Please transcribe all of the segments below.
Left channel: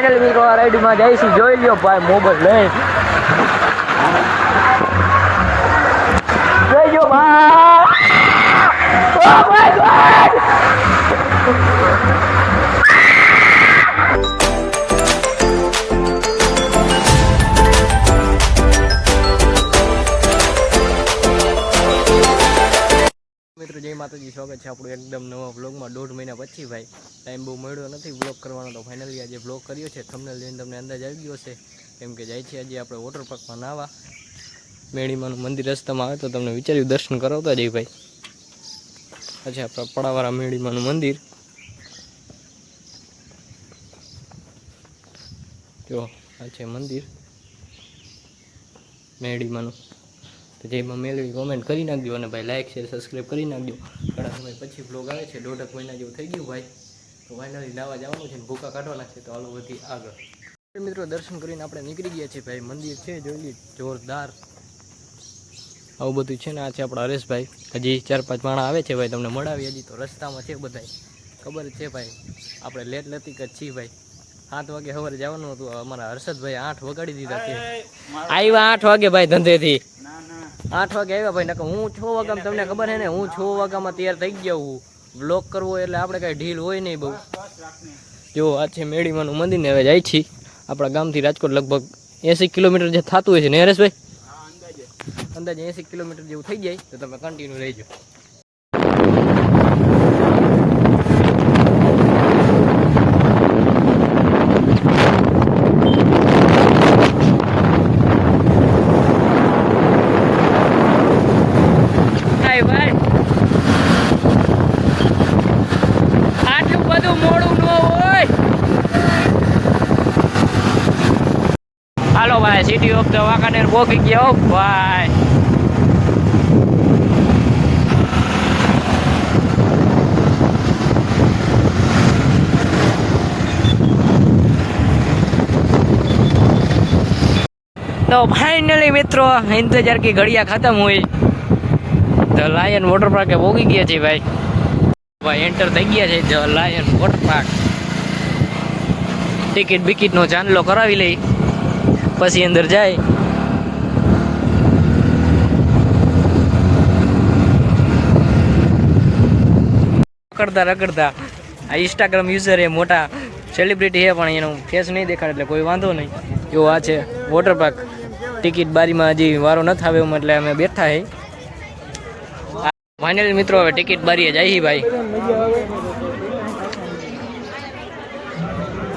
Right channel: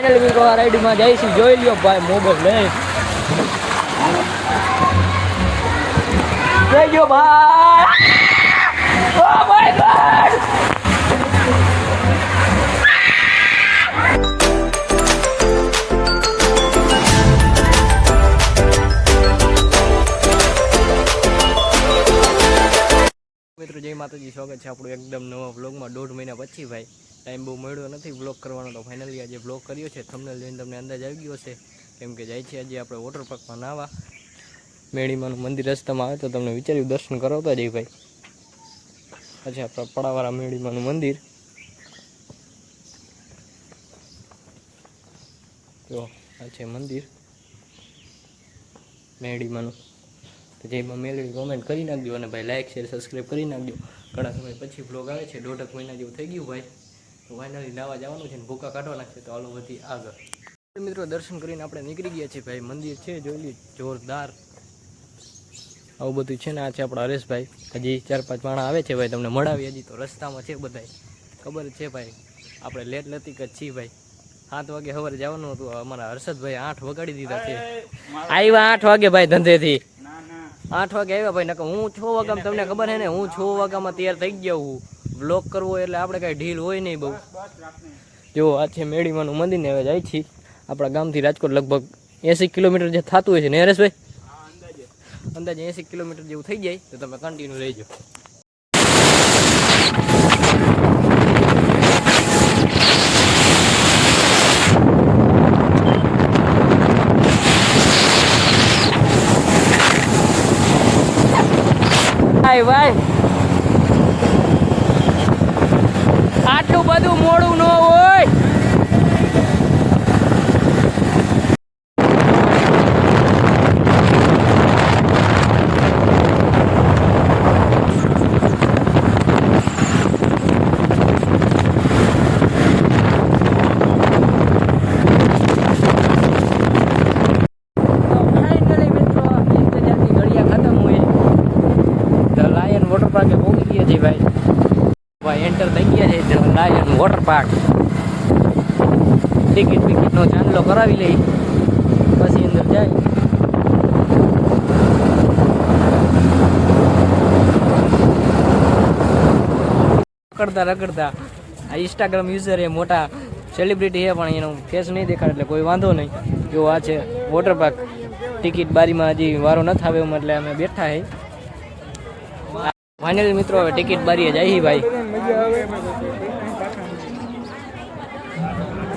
ફાઇનલ મિત્રો આ રાઈડમાં જઈશું, જોઈ લ્યો ભાઈ મોબાઈલ લઈ જોઈ લ્યો ભાઈ. ઓ માય ગોડ મિત્રો જય માતાજી, સ્વાગત છે આપણું એકદમ નવા વ્લોગમાં. 1.5 મહિના પછી ભાઈ ટાઈમ બહુ મળ્યો નથી વ્લોગ કરવાનો, તો ફાઇનલી આજે વ્લોગ કર્યો છે. થંબનેલ જોઈને તમને અંદાજ આવી ગયો છે, કેમ કે જાય છે આજે આપણે વોટર પાર્કમાં નાવા. મેળીમાનું મંદિર રસ્તામાં આવે તો તમને વિચાર્યું દર્શન કરાવતા જઈએ ભાઈ. પછી આપણા પડાવાળા મેળીમાનું મંદિર જો આ છે મંદિર મેળીમાનું. તો જેમાં મેળવી કોમેન્ટ કરી નાખજો અને ભાઈ લાઇક શેર સબસ્ક્રાઈબ કરી નાખજો. ઘણા સમય પછી વ્લોગ આવે છે, 1.5 મહિના જેવું થઈ ગયું ભાઈ. તો ફાઇનલી નાવા જવાનું છે ને ભૂકા કાઢવાના છે, તો હાલો વધી આગળ. મિત્રો દર્શન કરીને આપણે નીકળી ગયા છીએ ભાઈ. મંદિર છે જોઈ લી જોરદાર, આવું બધું છે ને. આ છે આપણા હરેશભાઈ, હજી 4-5 માણા આવે છે ભાઈ, તમને મળાવી. હજી તો રસ્તામાં છે બધા, ખબર છે ભાઈ આપણે લેટ લતીક જ છીએ ભાઈ. 7 વાગે સવારે જવાનું હતું, અમારા હર્ષદભાઈ 8 વગાડી દીધા છે. આવ્યા 8 વાગે ભાઈ ધંધેથી, 8 વાગે આવ્યા ભાઈ. નકર હું 6 વાગ્યામાં, તમને ખબર છે ને, હું 6 વાગ્યામાં તૈયાર થઈ ગયો હું. વ્લોગ કરવો એટલે આપણે કાંઈ ઢીલ હોય નહીં બહુ. જો આ છે મેળીમાનું મંદિર ને હવે જાય છીએ. આપણા ગામથી રાજકોટ લગભગ 80 કિલોમીટર જે થતું હોય છે ને હરેશભાઈ? અંદાજે 80 કિલોમીટર જેવું થઈ જાય, તો તમે કન્ટિન્યુ રહેજો. ભાઈ આટલું બધું મોડું ન હોય. હાલો ભાઈ, સિટી ઓફ ધ વાંકાનેર પહોંચી ગયા ભાઈ. તો ફાઇનલી મિત્રો इंतजार की घड़ियां खत्म हुई, ધ લાયન વોટર પાર્કે પહોંચી ગયા છે ભાઈ. ભાઈ એન્ટર થઈ ગયા છે the lion water park. Ticket બિકિટનો ચાંદલો કરાવી લઈ પછી અંદર જાય. રખડતા આ ઇન્સ્ટાગ્રામ યુઝર એ મોટા સેલિબ્રિટી છે, પણ એનો ફેસ નહીં દેખાડે એટલે કોઈ વાંધો નહીં. જો આ છે વોટર પાર્ક. ટિકિટ બારીમાં હજી વારો નથી આવે એટલે અમે બેઠા હે. ફાઇનલી મિત્રો હવે ટિકિટ બારીએ જાય ભાઈ.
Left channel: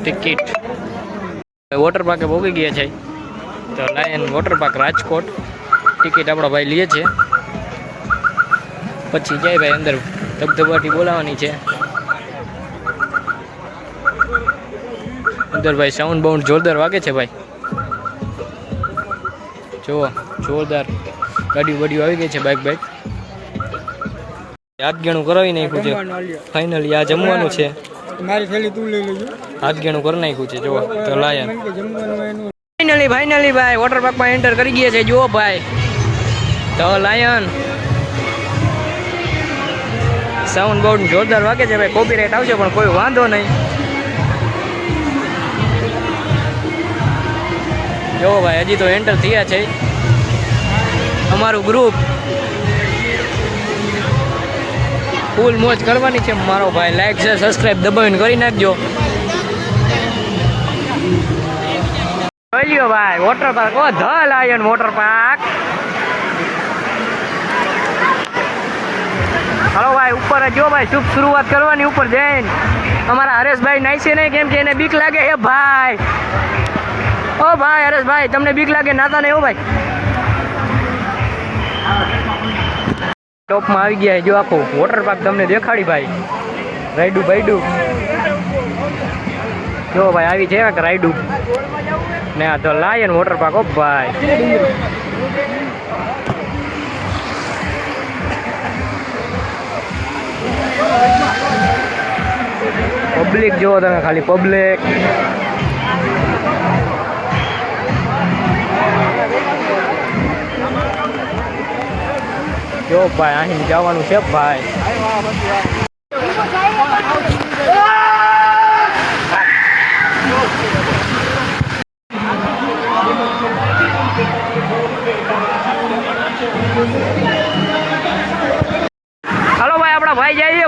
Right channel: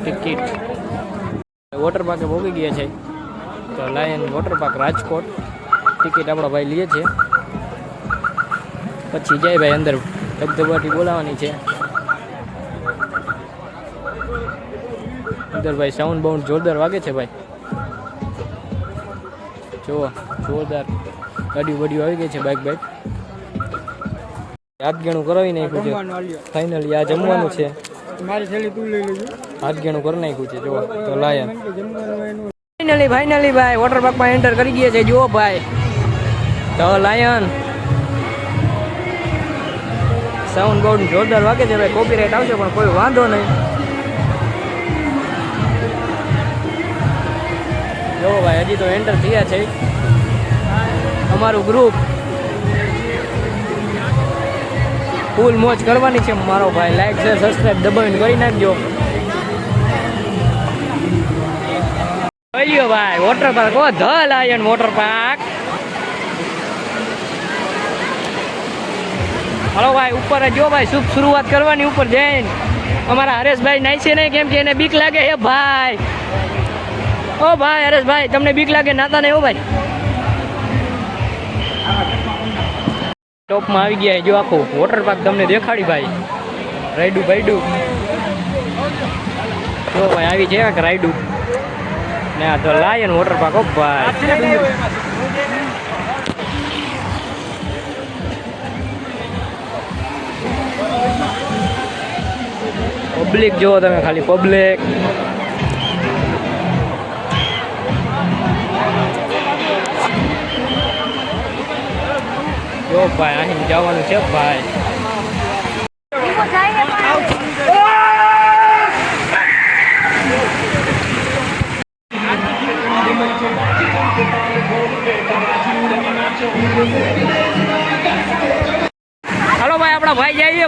ટિકિટ વોટર પાર્કે પહોંચી ગયા છે તો લાયન વોટર પાર્ક રાજકોટ. ટિકિટ આપણા ભાઈ લે છે, પછી જાય ભાઈ અંદર. ધબધબાટી બોલાવવાની છે અંદર ભાઈ. સાઉન્ડ બાઉન્ડ જોરદાર વાગે છે ભાઈ. જુઓ જોરદાર ગાડીઓ બાડીઓ આવી ગઈ છે, બાઇક. હાથગેણું કરાવી નાખ્યું છે ફાઇનલી. આ જમવાનું છે, હાથગેણું કરી નાખ્યું છે. જો તો લાયન ફાઇનલી ભાઈ વોટર પાર્કમાં એન્ટર કરી ગયા છે. જુઓ ભાઈ તો લાયન. સાઉન્ડ બાઉન્ડ જોરદાર વાગે છે ભાઈ. કોપીરાઇટ આવશે પણ કોઈ વાંધો નહીં. જો ભાઈ હજી તો એન્ટર થયા છે અમારું ગ્રુપ. ફૂલ મોજ કરવાની છે મારો ભાઈ. લાઈક શેર સબસ્ક્રાઇબ દબાવીને કરી નાખજો. જોઈ લ્યો ભાઈ water park, O the lion water park. હાલો ભાઈ ઉપર જો ભાઈ, શુભ શરૂઆત કરવાની ઉપર જઈને. અમારા હરેશભાઈ નાઈ છે નહીં, કેમ કે એને બીક લાગે હે ભાઈ. ઓ ભાઈ હરેશભાઈ તમને બીક લાગે નાતા નહીં? ઓ ભાઈ ટોપમાં આવી ગયા જો આખું વોટર પાર્ક તમને દેખાડી ભાઈ. રાઈડું ભાઈડું જો ભાઈ આવી છે રાઈડું ને. આ ધ લાયન વોટર પાર્ક ઓ ભાઈ. પબ્લિક જુઓ તમે ખાલી, પબ્લિક. જો ભાઈ અહીં જવાનું છે ભાઈ. મારા ભાઈ જાય છે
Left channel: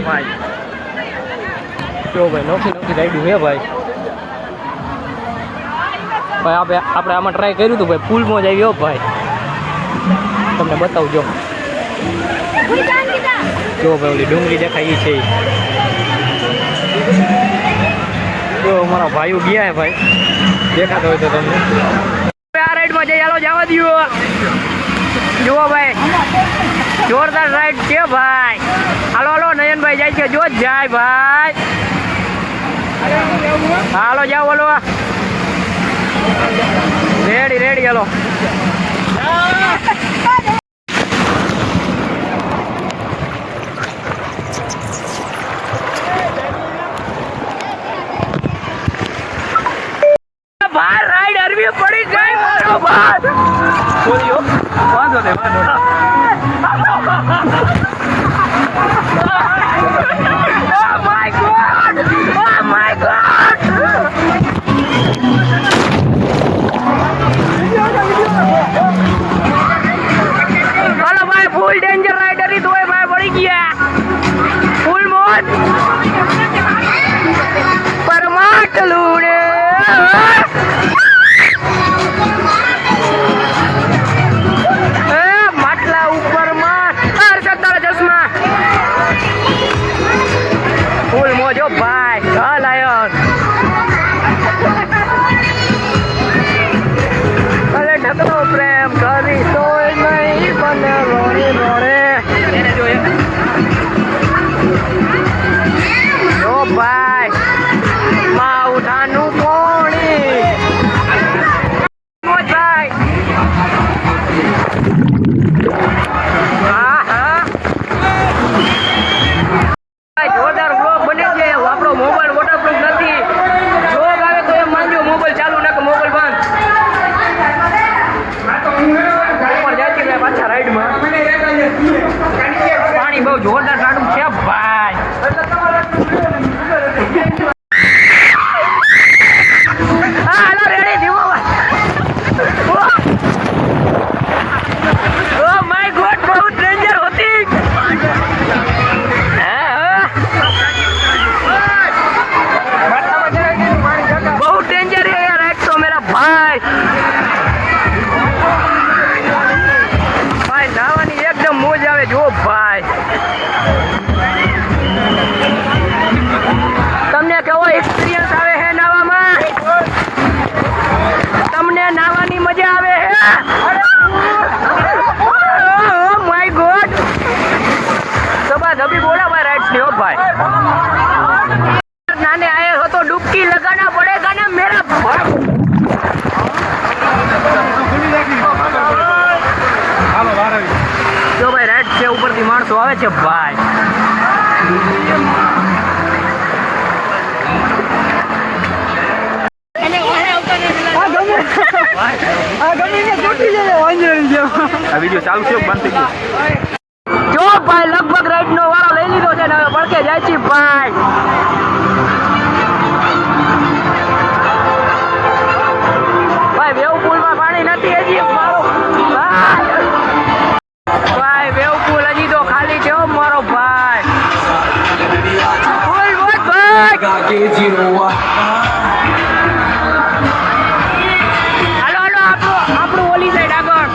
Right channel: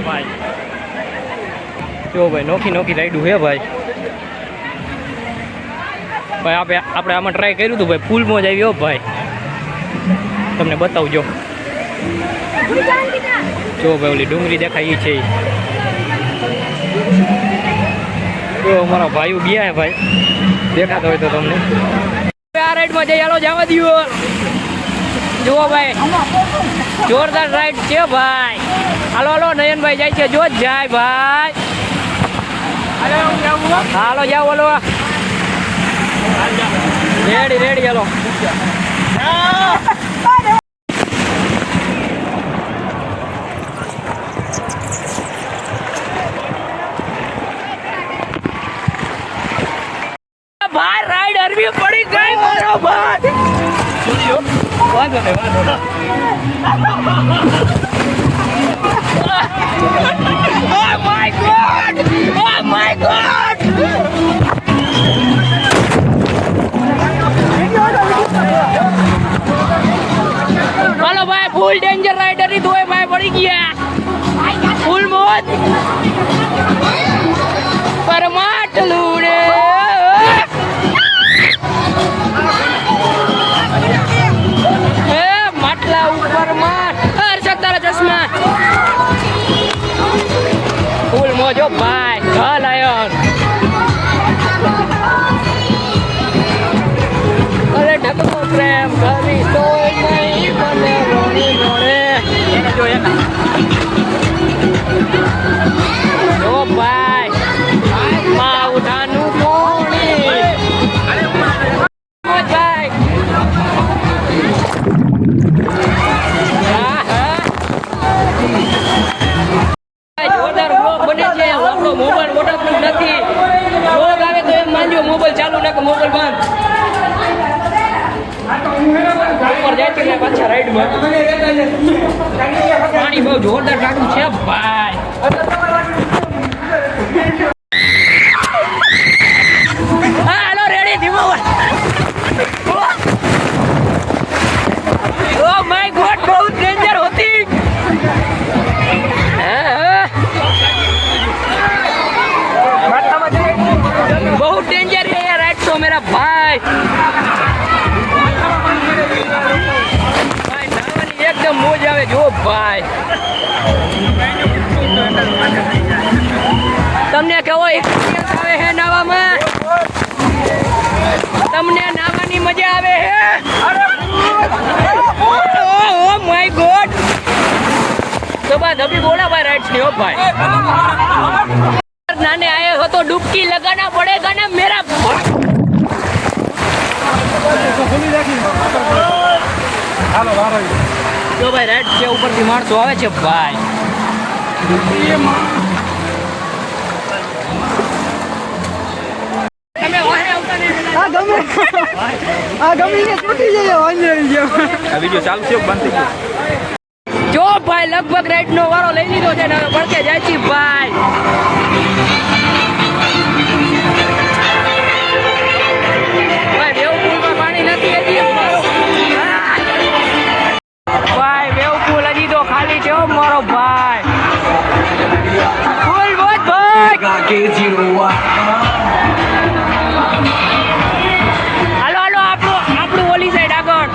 ભાઈ જો ભાઈ નોખી નોખી રાઈડું છે ભાઈ ભાઈ આપણે આમાં ટ્રાય કર્યું હતું ભાઈ પુલમાં જ આવ્યો ભાઈ તમને બતાવજો જો ભાઈ ઓલી ડુંગળી દેખાય છે જો અમારા ભાઈઓ ગયા હે ભાઈ દેખાતો હોય તો તમને આ રાઈડમાં જઈ હાલો જવા દો જુઓ ભાઈ જોરદાર રાઈડ છે ભાઈ હાલો હાલો નયનભાઈ જાય છે જો જ જાય ભાઈ હાલો જાઓ હાલો રેડી રેડી હાલો બહાર રાઈડ અરવી પડી ગઈ મારો બાપ છોડ્યો વાંધો નહીં Oh my God! Oh my God! બોલો ભાઈ ફૂલ ડેન્જર રાઈડર ની દોય ભાઈ પડી ગયા ફૂલ મોત પરમાટલું ને માટલા ઉપર માં હર્ષદ તારા ચશ્મા ફૂલ મોજો ભાઈ લાયન અરે ઢકનો પ્રેમ કરી તોય નહીં મને રોણી રોણે જો ભાઈ માં ઉઠાનું કોણી ભાઈ હા હા જોરદાર બ્લોગ બને છે આપણો મોબાઈલ વોટરપ્રૂફ નથી બ્લોગ આવે તો એમ માનજો મોબાઈલ ચાલુ ના કે મોબાઈલ બંધ ઉપર જાય છે પાછા રાઈડમાં પાણી બહુ જોરદાર ટાટું છે ભાઈ હા હાલો રેડી ધીમો ઓ માય ગોડ બહુ ડેન્જર હોતી बहुत डेंजर है यार आज तो मेरा भाई भाई नावानी एकदम मोज आवे जो भाई તમને કેવો એક્સપિરિયન્સ આવે હે નાવામાં તમને નાવાની મજા આવે હે ઓ માય ગોડ સબા ધબી બોલા ભાઈ રાઈટ્સ ને ઓ ભાઈ नाने आए हो तो डुबकी लगाना पड़ेगा ना मेरा जो भाई राइट से ऊपर થી માણસો આવે છે ભાઈ अभी जो चालू છે બંધ થઈ ગયું જો ભાઈ લગભગ રાઈડ નો વારો લઈ લીધો છે ને હવે પડકે જાય છે ભાઈ ભાઈ વેવ પુલમાં પાણી નથી હજી ભાઈ વેવ પુલ હજી તો ખાલી છે મારો ભાઈ પુલ બોત ભાઈ હાલો હાલો આપણું ઓલી સાઈડ આગળ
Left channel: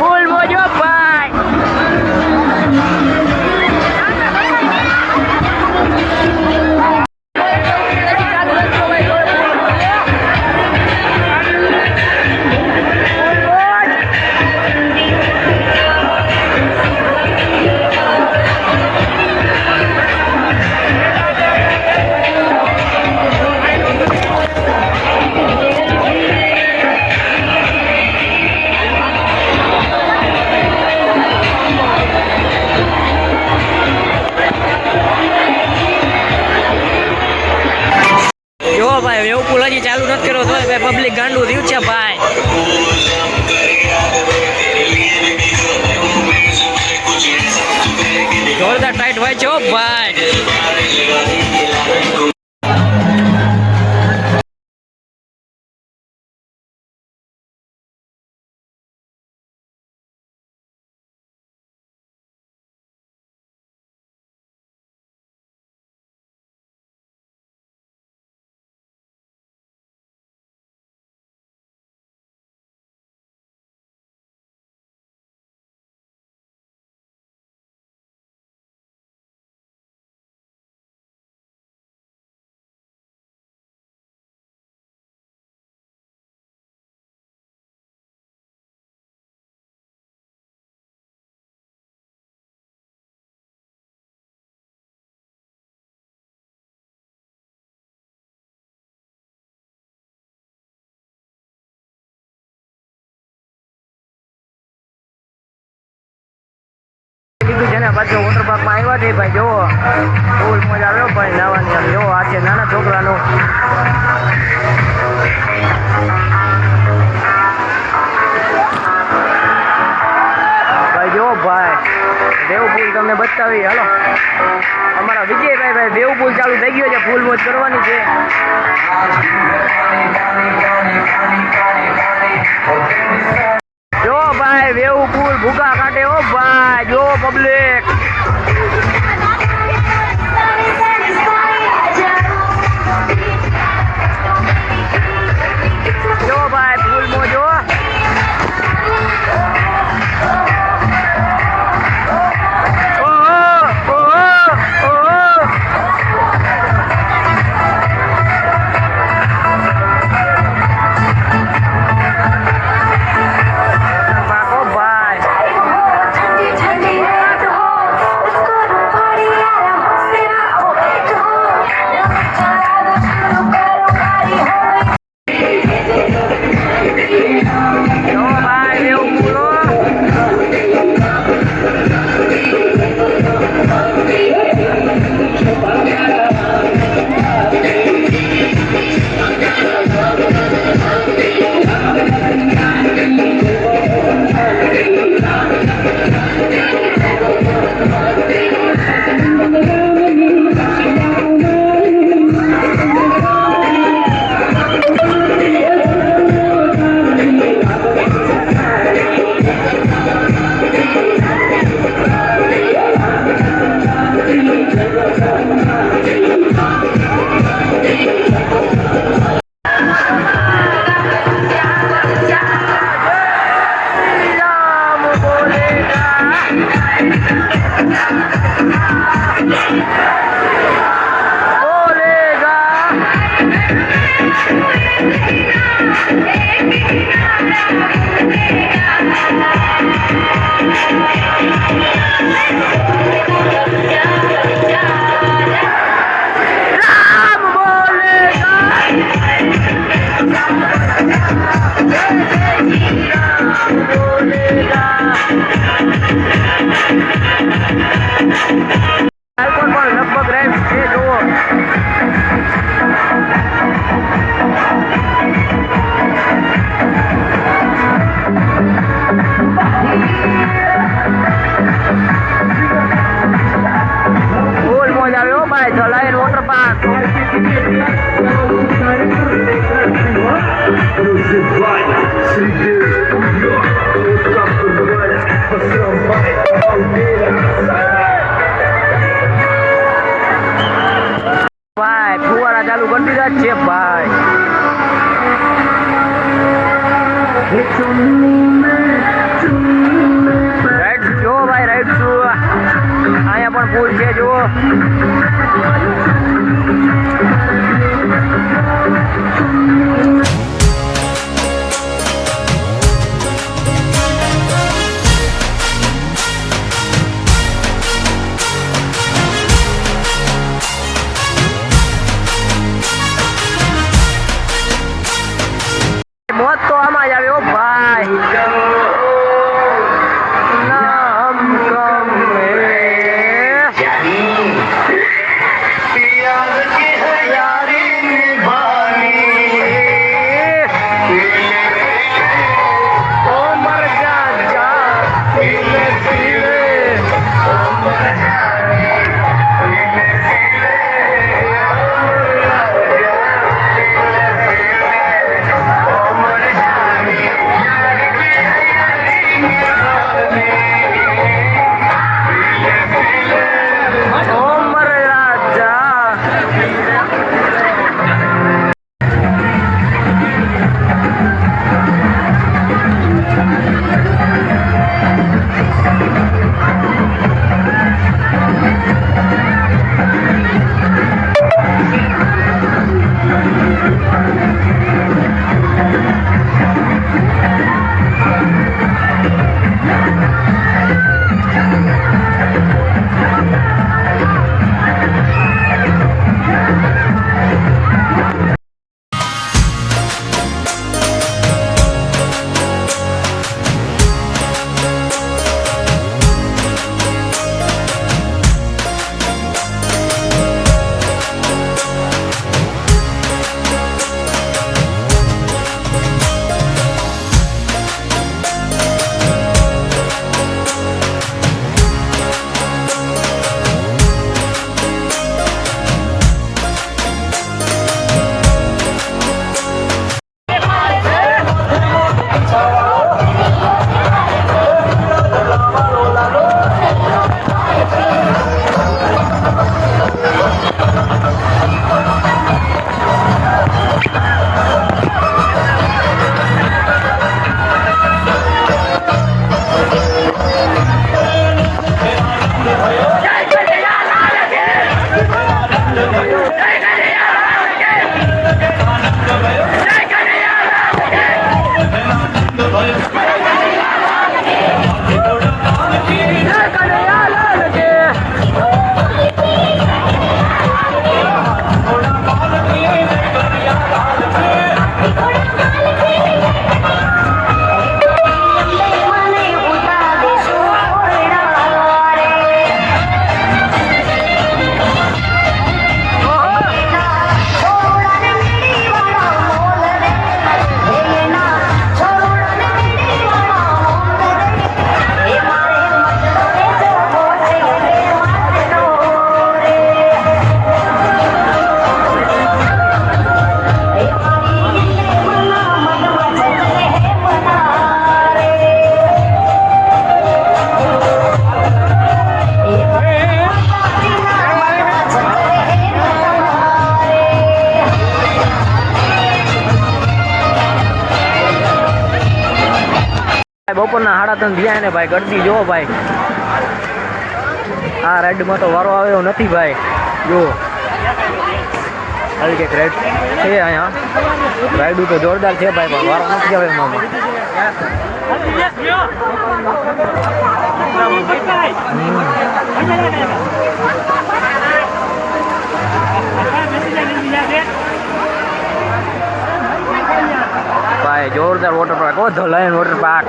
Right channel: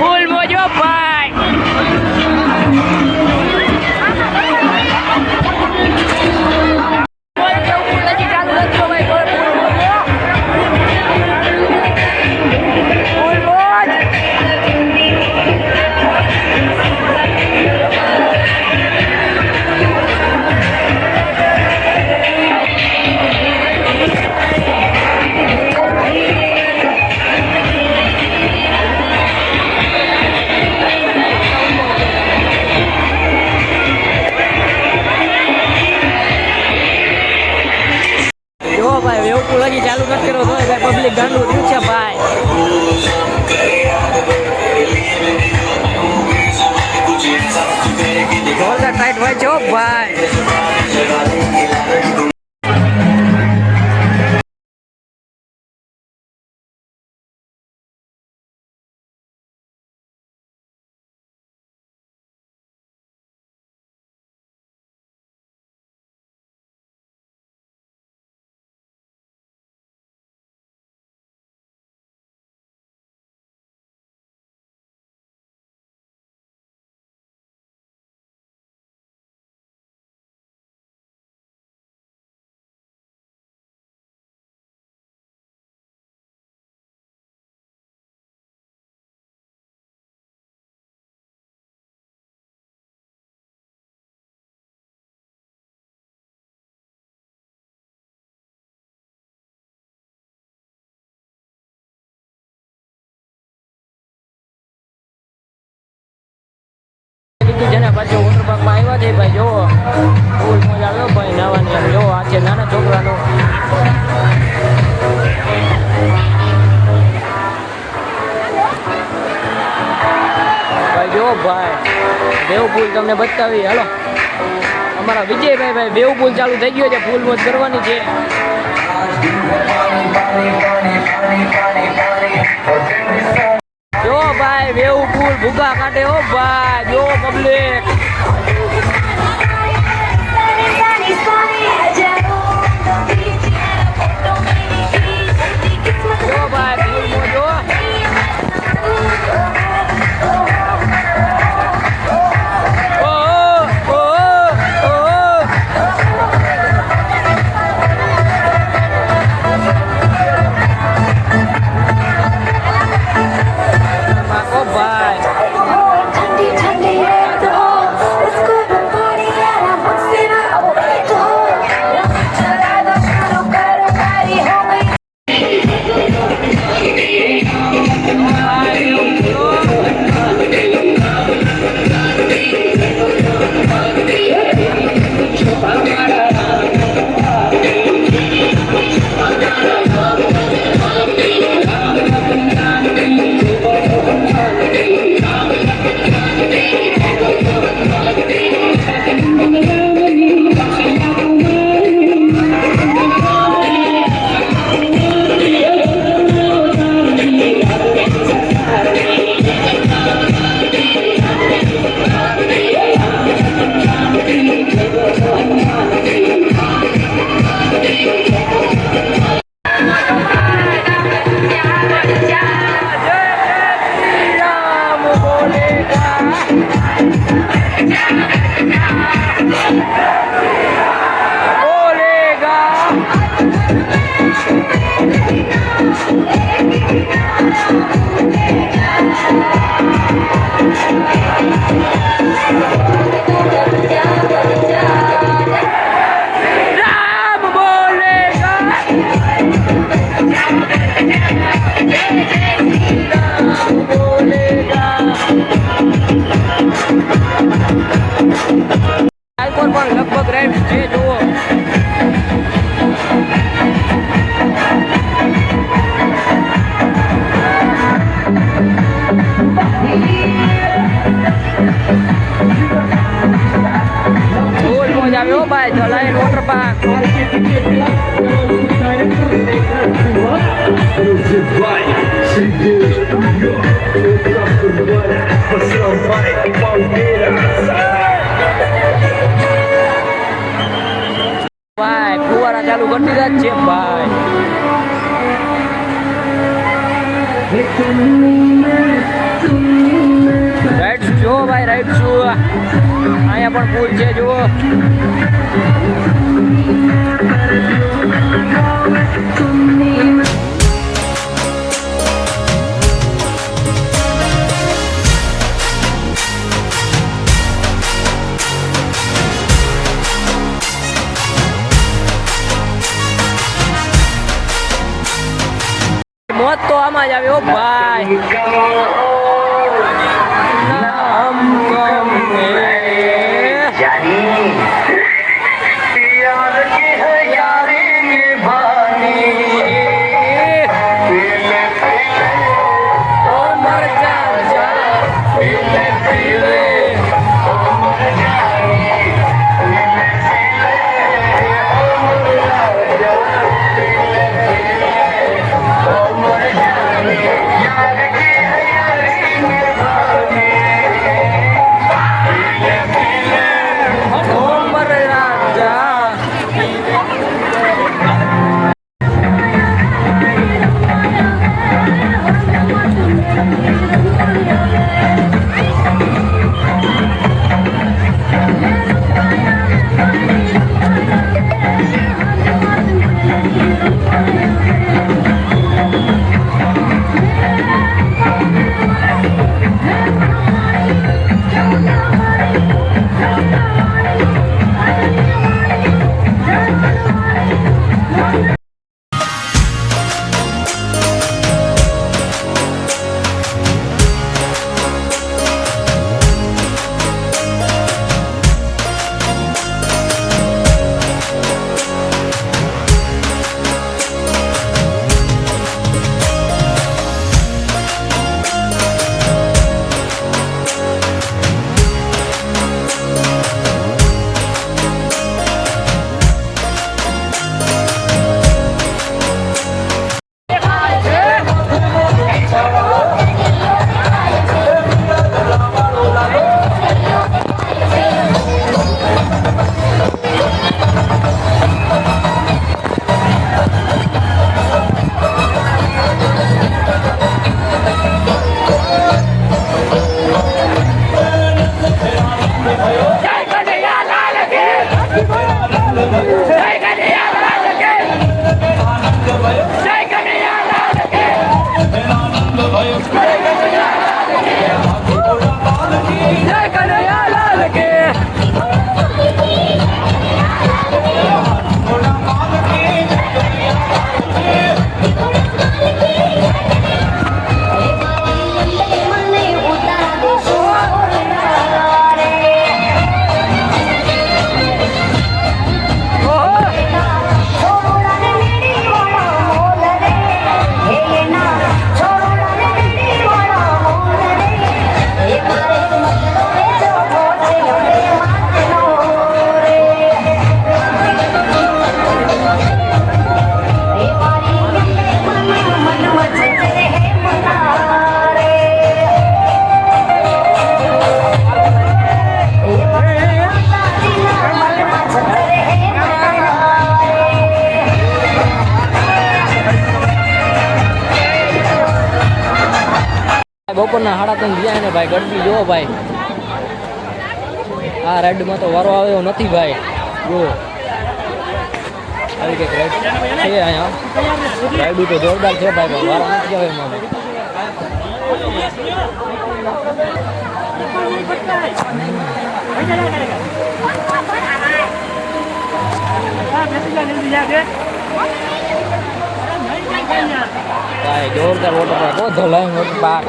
પુલ મોજો ભાઈ ભાઈ એવું પુલ હજી ચાલુ નથી કર્યો તો ભાઈ પબ્લિક ગાંડું થયું છે ભાઈ જોરદાર ટાઈટ હોય છે ભાઈ છે ને પાછો વોટર પાર્કમાં આવ્યા છે ભાઈ. જોવો ફૂલ મજા આવ્યો ભાઈ નાવાની. આમ જોવો આ છે નાના છોકરાનું. ભાઈ જો ભાઈ વેવ પુલ તમને બતાવી. હાલો અમારા વિજયભાઈ ભાઈ વેવ પુલ ચાલુ થઈ ગયો છે. ફૂલ મોજ કરવાની છે. જો ભાઈ વેવ પુલ ભૂગા કાઢે. ઓ ભાઈ જો પબ્લિક. જો ભાઈ ફૂલ મોજો. આલ્કોર પર લગભગ રાઈડ છે. જુઓ ફૂલ મોજ આવ્યો ભાઈ. Dhalai water park. ભાઈ ફુવારા ચાલુ કરી દીધા જ છે ભાઈ. રાઈડ જો ભાઈ રાઈડ શું અહીંયા પણ પુલ છે. જુઓ મોત તો આમાં જ આવ્યો ભાઈ. નામ કમે બપોરના 3:30 થયા ને ભાઈ, ગરદી જો ભાઈ. આ રાઈડમાં તો વારો આવ્યો નથી ભાઈ. જો આવી કંઈક રાઈડ છે અહીંયા. રાઈડ તો જોરદાર છે ભાઈ, પણ વારો નથી આવે એમાં. ભાઈ જોરદાર water park, O the lion water park.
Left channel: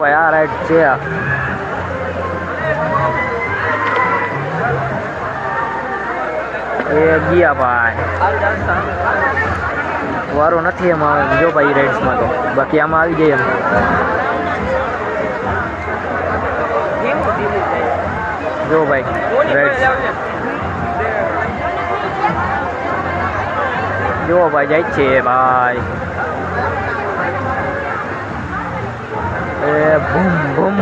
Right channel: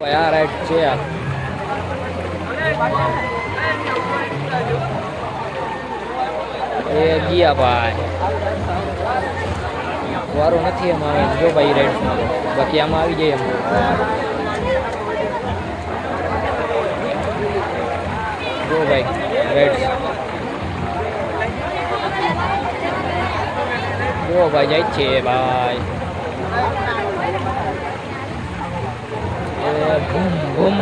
ભાઈ આ રાઈડ છે. એ ગયા ભાઈ, વારો નથી એમાં આવે. જો ભાઈ રાઇડ્સમાં તો બાકી આમાં આવી જાય એમ. જો ભાઈ રાઇડ્સ જો ભાઈ જાય છે ભાઈ. એ બૂમ બૂમ.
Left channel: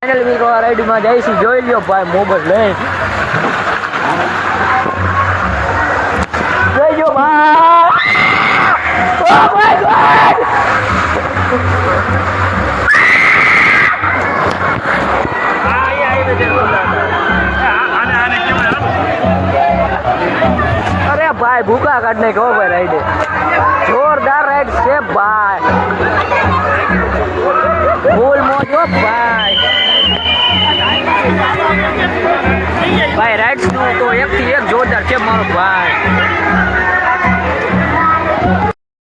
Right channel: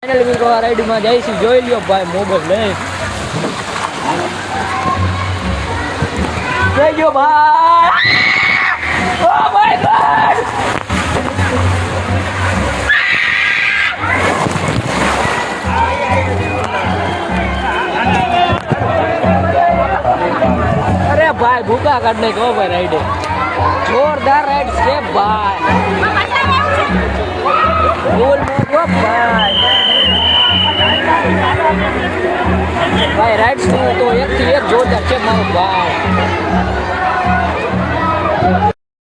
ફાઇનલ મિત્રો આ રાઈડમાં જઈશું, જોઈ લ્યો ભાઈ મોબાઈલ લઈ. જોઈ લ્યો ભાઈ. Oh my God. અરે ભાઈ ભૂકા કાઢ નાખો ભાઈ રાઈડે. જોરદાર રાઈડ છે ભાઈ, ફૂલ મોજ હો ભાઈ. ભાઈ રાઈડ્સ તો એકથી એક જોરદાર છે મારો ભાઈ.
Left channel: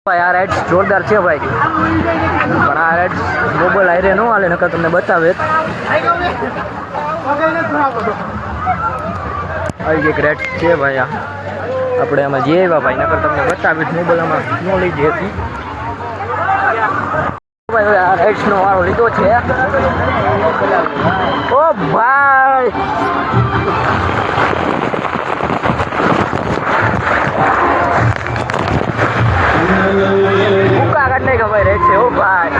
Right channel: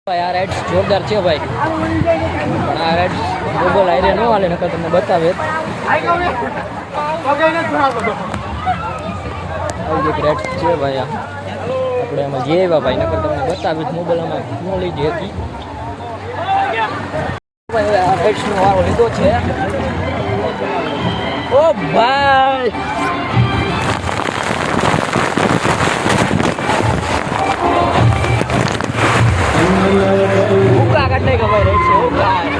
ભાઈ આ રાઈડ્સ જોરદાર છે ભાઈ, પણ આ રાઈડ્સ મોબાઈલ આયરે ન હાલે, નકર તમને બતાવે. આવી એક રાઈડ છે ભાઈ, આપણે આમાં જે આવ્યા ભાઈ, નકર તમને બતાવી મોબાઈલ આમાં ન લઈ જઈ હતી ભાઈ. આ રાઈડ્સનો વારો લીધો છે. ઓ ભાઈ ભૂકા કાઢ નાખ્યા ભાઈ રાઈડ છે. ઓ ભાઈ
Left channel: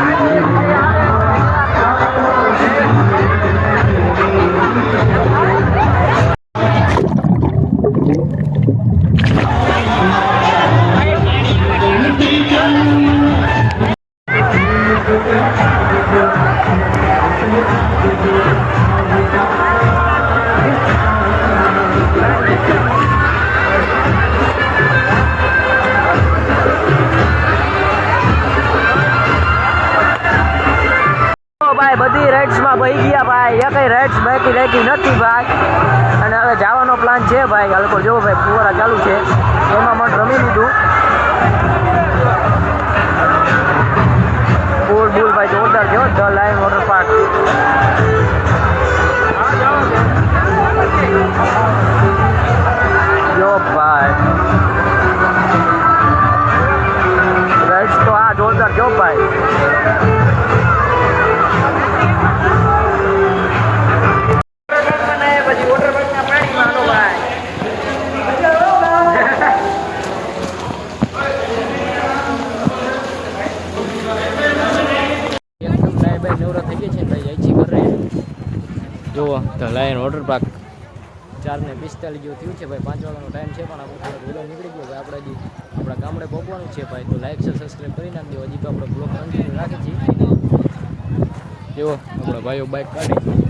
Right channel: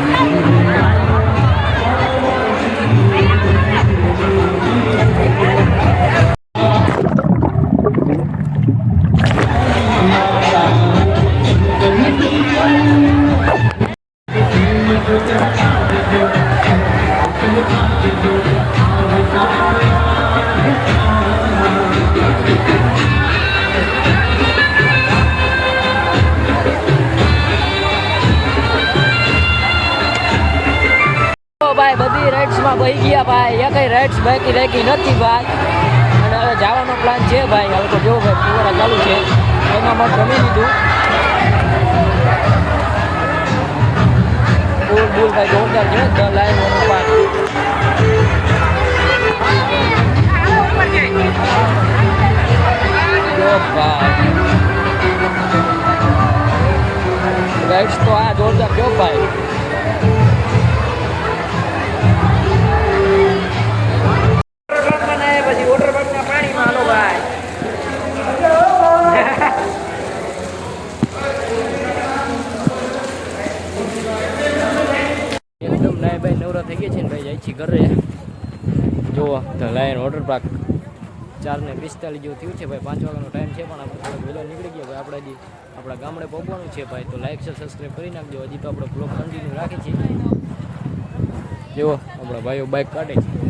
ભાઈ બધી રાઇડ્સમાં બહી ગયા ભાઈ, એકઈ રાઇડ્સ બાકી રાખી નથી ભાઈ. અને હવે જવાનો પ્લાન છે ભાઈ. હાલ જો ભાઈ ફુવારા ચાલુ છે, એમાં પણ રમી લીધું. બોલ બોલ ભાઈ જોરદાર છે ધ લાયન વોટર પાર્ક. જો ભાઈ રાઇડ્સ તો આ જોરદાર જો ભાઈ. નવરા થઈ ગયા છે ને ભાઈ, જાય છે ઘરે. જુઓ ધ લાયન વોટર પાર્ક 4:45 જેવું થયું છે ભાઈ. 5 વાગ્યાનો ટાઈમ છે પણ આપણે થોડાક વહેલા નીકળી ગયા ભાઈ. આપણે હજી આપણા ગામડે પહોંચવાનું છે ભાઈ. તો લાઈક શેર સબસ્ક્રાઈબ કરી નાખજો. હજી તો આપણે બ્લોગ કન્ટિન્યુ રાખી છીએ. જો આપણા ભાઈઓ બાઇક કાઢે છે.